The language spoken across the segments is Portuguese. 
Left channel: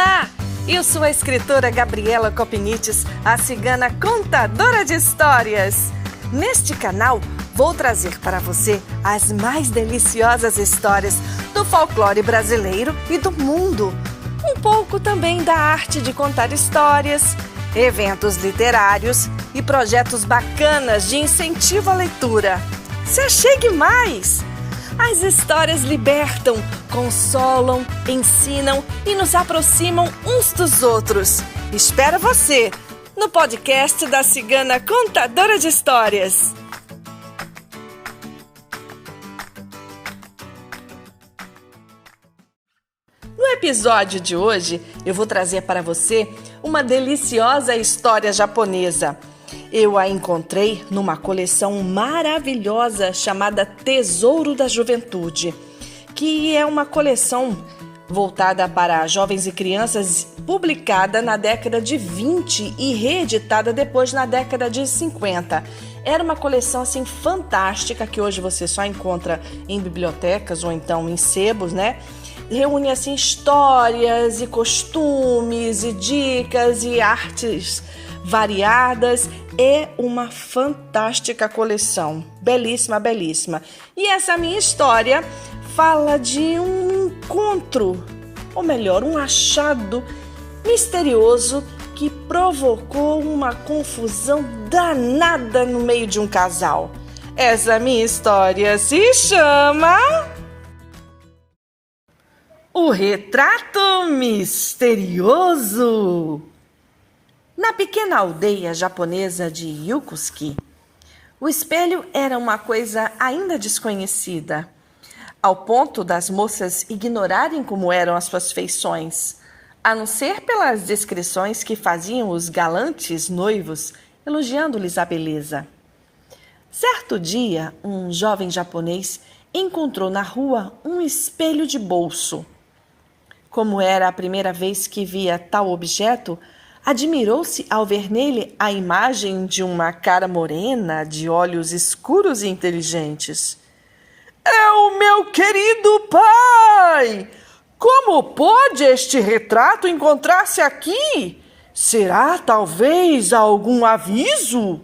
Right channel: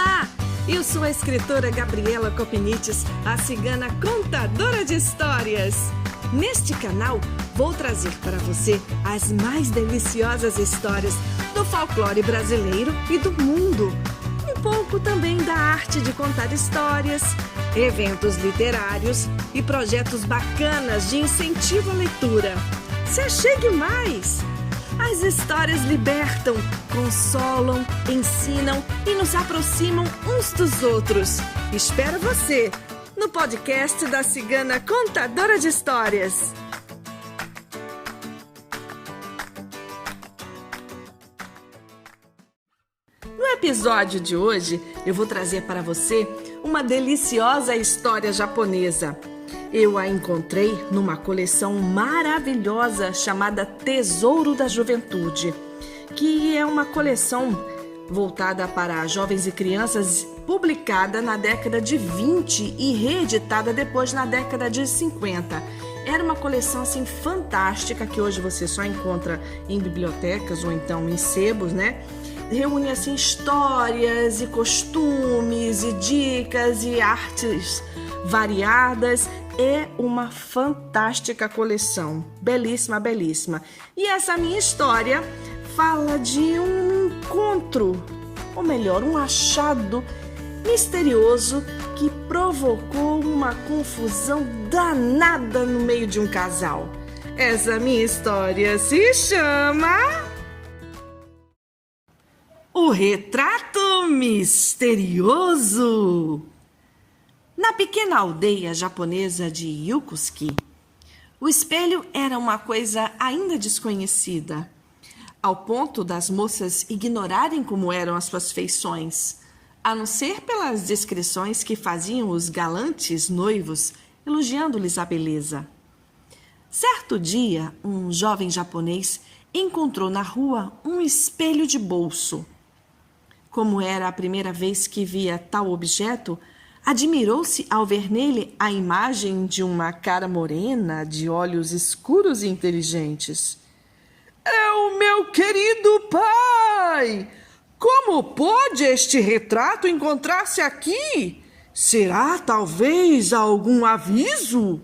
Olá! Eu sou a escritora Gabriela Copinites, a cigana contadora de histórias. Neste canal, vou trazer para você as mais deliciosas histórias do folclore brasileiro e do mundo. Um pouco também da arte de contar histórias, eventos literários e projetos bacanas de incentivo à leitura. Se achegue mais! As histórias libertam, consolam, ensinam e nos aproximam uns dos outros. Espero você no podcast da Cigana Contadora de Histórias. No episódio de hoje, eu vou trazer para você uma deliciosa história japonesa. Eu a encontrei numa coleção maravilhosa chamada Tesouro da Juventude, que é uma coleção voltada para jovens e crianças, publicada na década de 20 e reeditada depois na década de 50. Era uma coleção assim fantástica que hoje você só encontra em bibliotecas ou então em sebos, né? Reúne assim histórias e costumes e dicas e artes variadas. É uma fantástica coleção, belíssima, belíssima. E essa minha história fala de um encontro, ou melhor, um achado misterioso que provocou uma confusão danada no meio de um casal. Essa minha história se chama O Retrato Misterioso. Na pequena aldeia japonesa de Yokosuka, o espelho era uma coisa ainda desconhecida, ao ponto das moças ignorarem como eram as suas feições, a não ser pelas descrições que faziam os galantes noivos, elogiando-lhes a beleza. Certo dia, um jovem japonês encontrou na rua um espelho de bolso. Como era a primeira vez que via tal objeto, admirou-se ao ver nele a imagem de uma cara morena, de olhos escuros e inteligentes. É o meu querido pai! Como pode este retrato encontrar-se aqui? Será talvez algum aviso?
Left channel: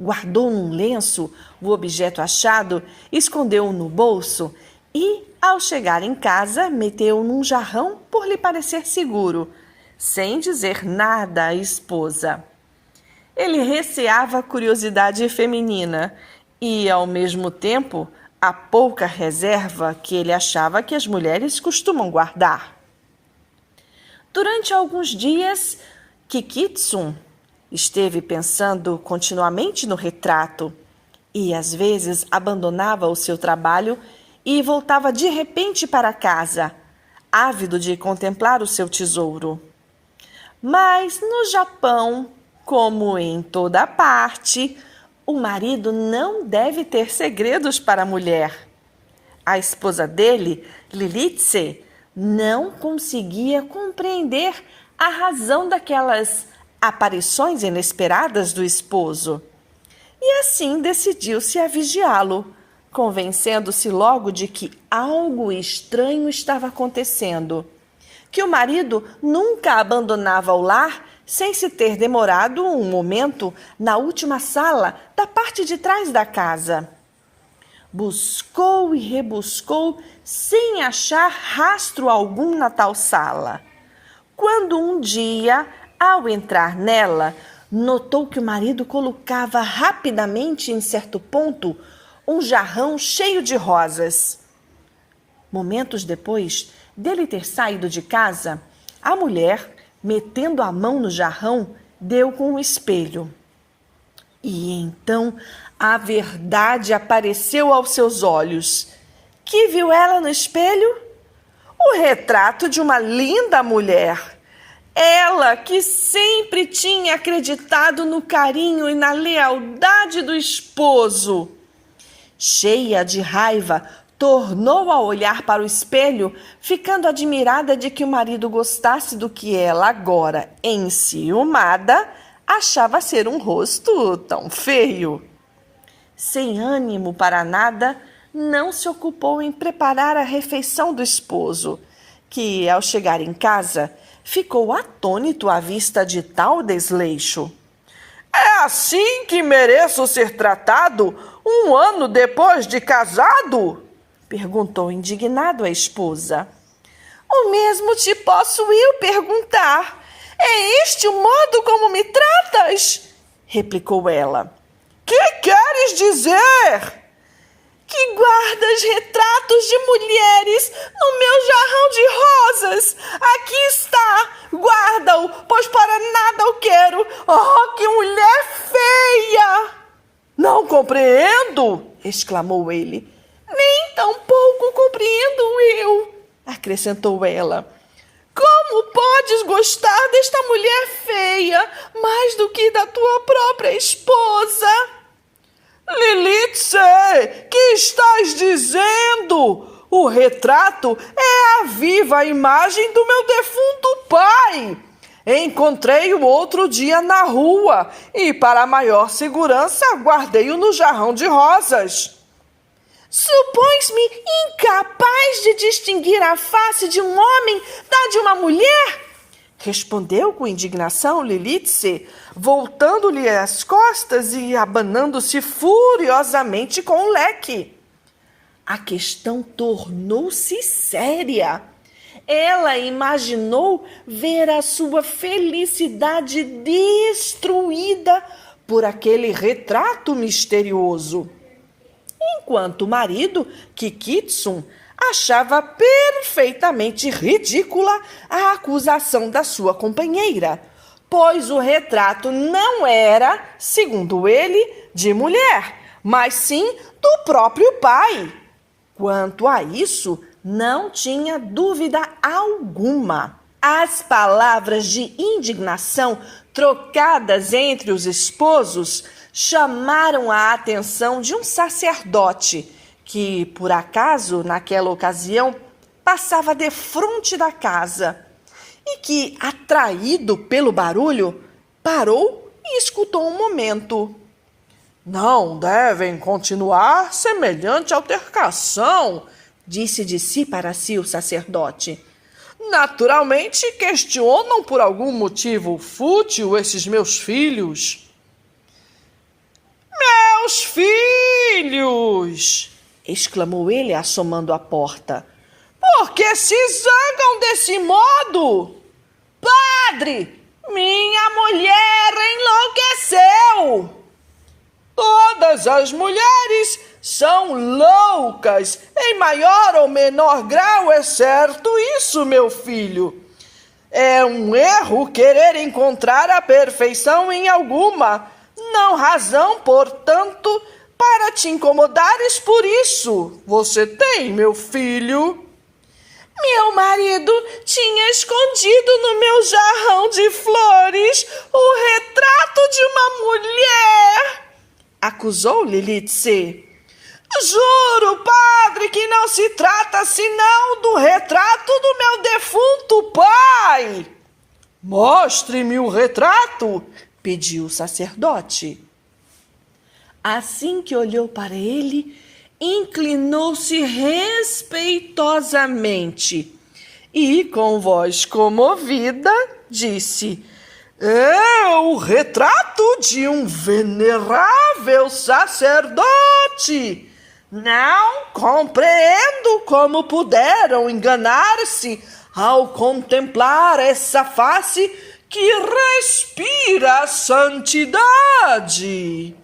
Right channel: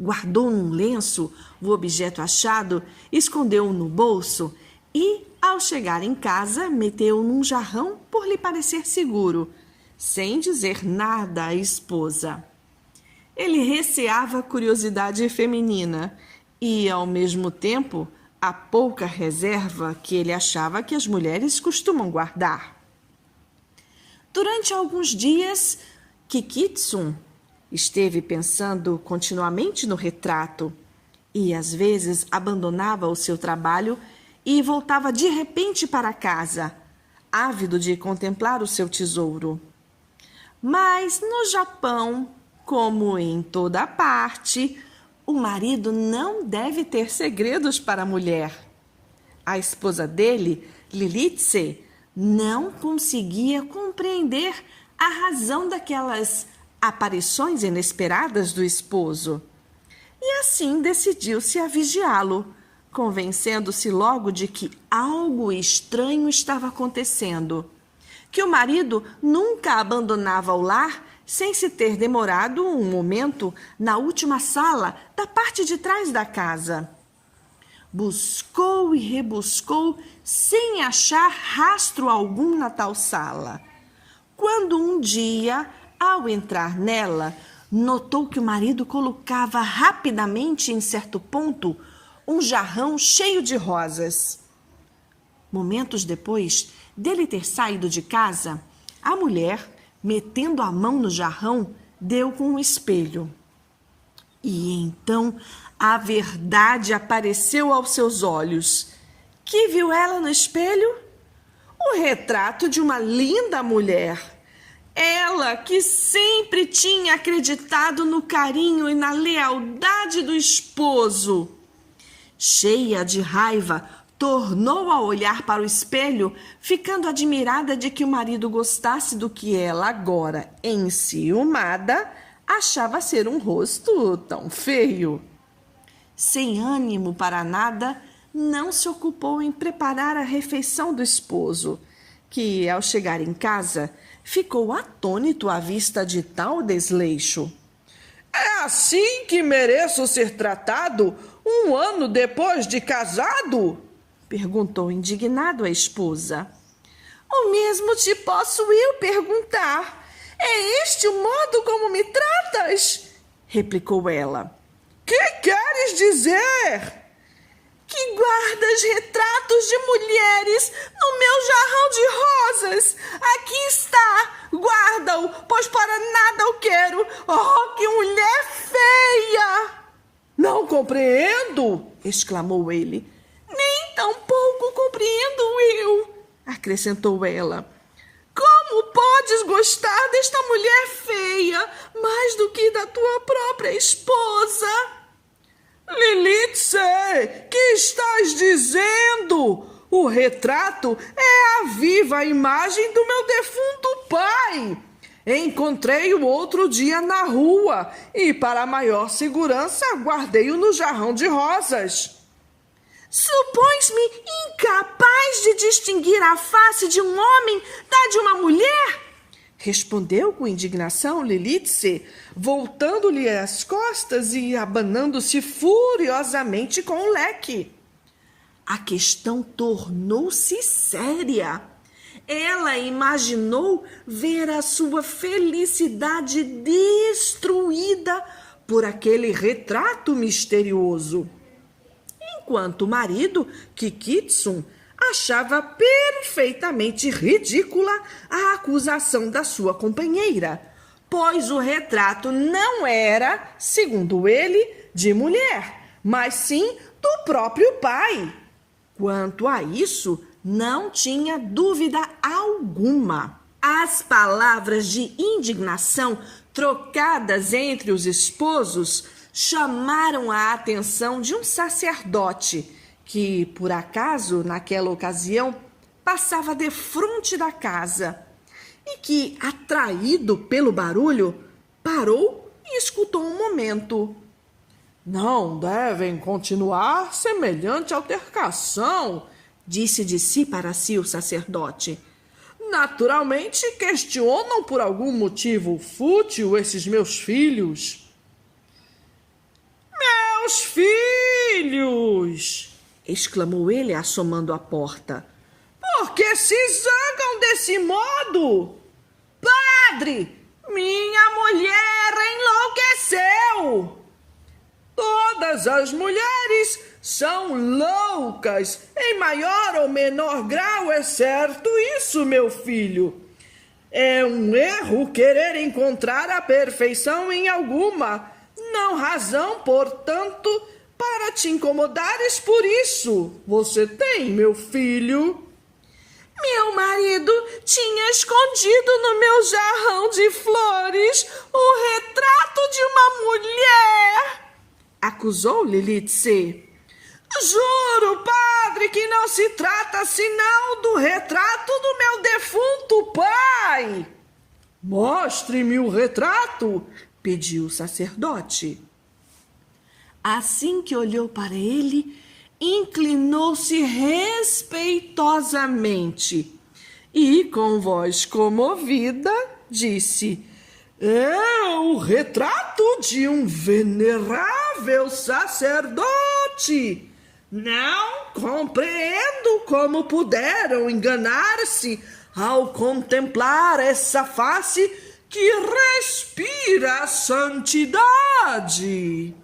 Guardou num lenço o objeto achado, escondeu-o no bolso e, ao chegar em casa, meteu-o num jarrão por lhe parecer seguro, sem dizer nada à esposa. Ele receava a curiosidade feminina e, ao mesmo tempo, a pouca reserva que ele achava que as mulheres costumam guardar. Durante alguns dias, Kikitsun esteve pensando continuamente no retrato e, às vezes, abandonava o seu trabalho e voltava de repente para casa, ávido de contemplar o seu tesouro. Mas no Japão, como em toda parte, o marido não deve ter segredos para a mulher. A esposa dele, Lilitse, não conseguia compreender a razão daquelas aparições inesperadas do esposo. E assim decidiu-se a vigiá-lo, convencendo-se logo de que algo estranho estava acontecendo, que o marido nunca abandonava o lar sem se ter demorado um momento na última sala da parte de trás da casa. Buscou e rebuscou sem achar rastro algum na tal sala. Quando um dia, ao entrar nela, notou que o marido colocava rapidamente em certo ponto um jarrão cheio de rosas. Momentos depois dele ter saído de casa, a mulher, metendo a mão no jarrão, deu com o espelho. E então a verdade apareceu aos seus olhos. Que viu ela no espelho? O retrato de uma linda mulher. Ela que sempre tinha acreditado no carinho e na lealdade do esposo. Cheia de raiva, tornou a olhar para o espelho, ficando admirada de que o marido gostasse do que ela agora, enciumada, achava ser um rosto tão feio. Sem ânimo para nada, não se ocupou em preparar a refeição do esposo, que, ao chegar em casa, ficou atônito à vista de tal desleixo. É assim que mereço ser tratado 1 ano depois de casado? Perguntou indignado a esposa. O mesmo te posso eu perguntar. É este o modo como me tratas? Replicou ela. Que queres dizer? Que guardas retratos de mulheres no meu jarrão de rosas. Aqui está, guarda-o, pois para nada o quero. Oh, que mulher feia! Não compreendo, exclamou ele. Nem tampouco compreendo eu, acrescentou ela. Como podes gostar desta mulher feia mais do que da tua própria esposa? Lilith, que estás dizendo? O retrato é a viva imagem do meu defunto pai. Encontrei-o outro dia na rua e, para maior segurança, guardei-o no jarrão de rosas. Supões-me incapaz de distinguir a face de um homem da de uma mulher? Respondeu com indignação Lilith, voltando-lhe as costas e abanando-se furiosamente com o leque. A questão tornou-se séria. Ela imaginou ver a sua felicidade destruída por aquele retrato misterioso. Enquanto o marido, Kikitsum, achava perfeitamente ridícula a acusação da sua companheira, pois o retrato não era, segundo ele, de mulher, mas sim do próprio pai. Quanto a isso, não tinha dúvida alguma. As palavras de indignação trocadas entre os esposos chamaram a atenção de um sacerdote que, por acaso, naquela ocasião, passava defronte da casa e que, atraído pelo barulho, parou e escutou um momento. Não devem continuar semelhante altercação, disse de si para si o sacerdote. Naturalmente questionam por algum motivo fútil esses meus filhos. Meus filhos! Exclamou ele, assomando a porta. Por que se zangam desse modo? Padre, minha mulher enlouqueceu! Todas as mulheres são loucas, em maior ou menor grau, é certo isso, meu filho. É um erro querer encontrar a perfeição em alguma, não razão, portanto, para te incomodares por isso. Você tem, meu filho? Meu marido tinha escondido no meu jarrão de flores o retrato de uma mulher, acusou Lilith. Juro, padre, que não se trata senão do retrato do meu defunto pai. Mostre-me o retrato, pediu o sacerdote. Assim que olhou para ele, inclinou-se respeitosamente e, com voz comovida, disse: é o retrato de um venerável sacerdote. Não compreendo como puderam enganar-se ao contemplar essa face que respira santidade.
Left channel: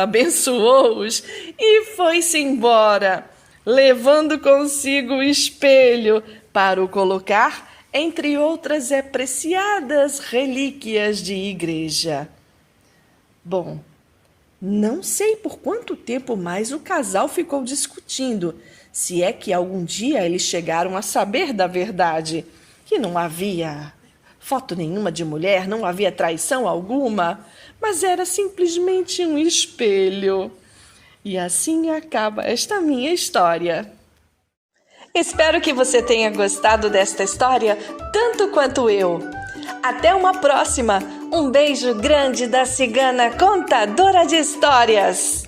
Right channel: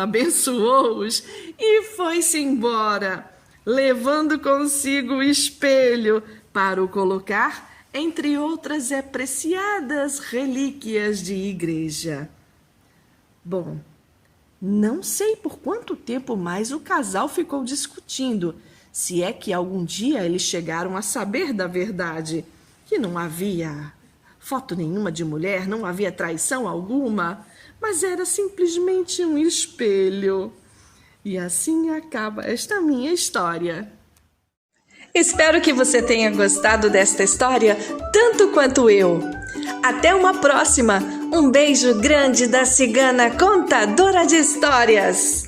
Abençoou-os e foi-se embora, levando consigo o espelho para o colocar entre outras apreciadas relíquias de igreja. Bom, não sei por quanto tempo mais o casal ficou discutindo, se é que algum dia eles chegaram a saber da verdade, que não havia foto nenhuma de mulher, não havia traição alguma, mas era simplesmente um espelho. E assim acaba esta minha história. Espero que você tenha gostado desta história tanto quanto eu. Até uma próxima! Um beijo grande da cigana contadora de histórias!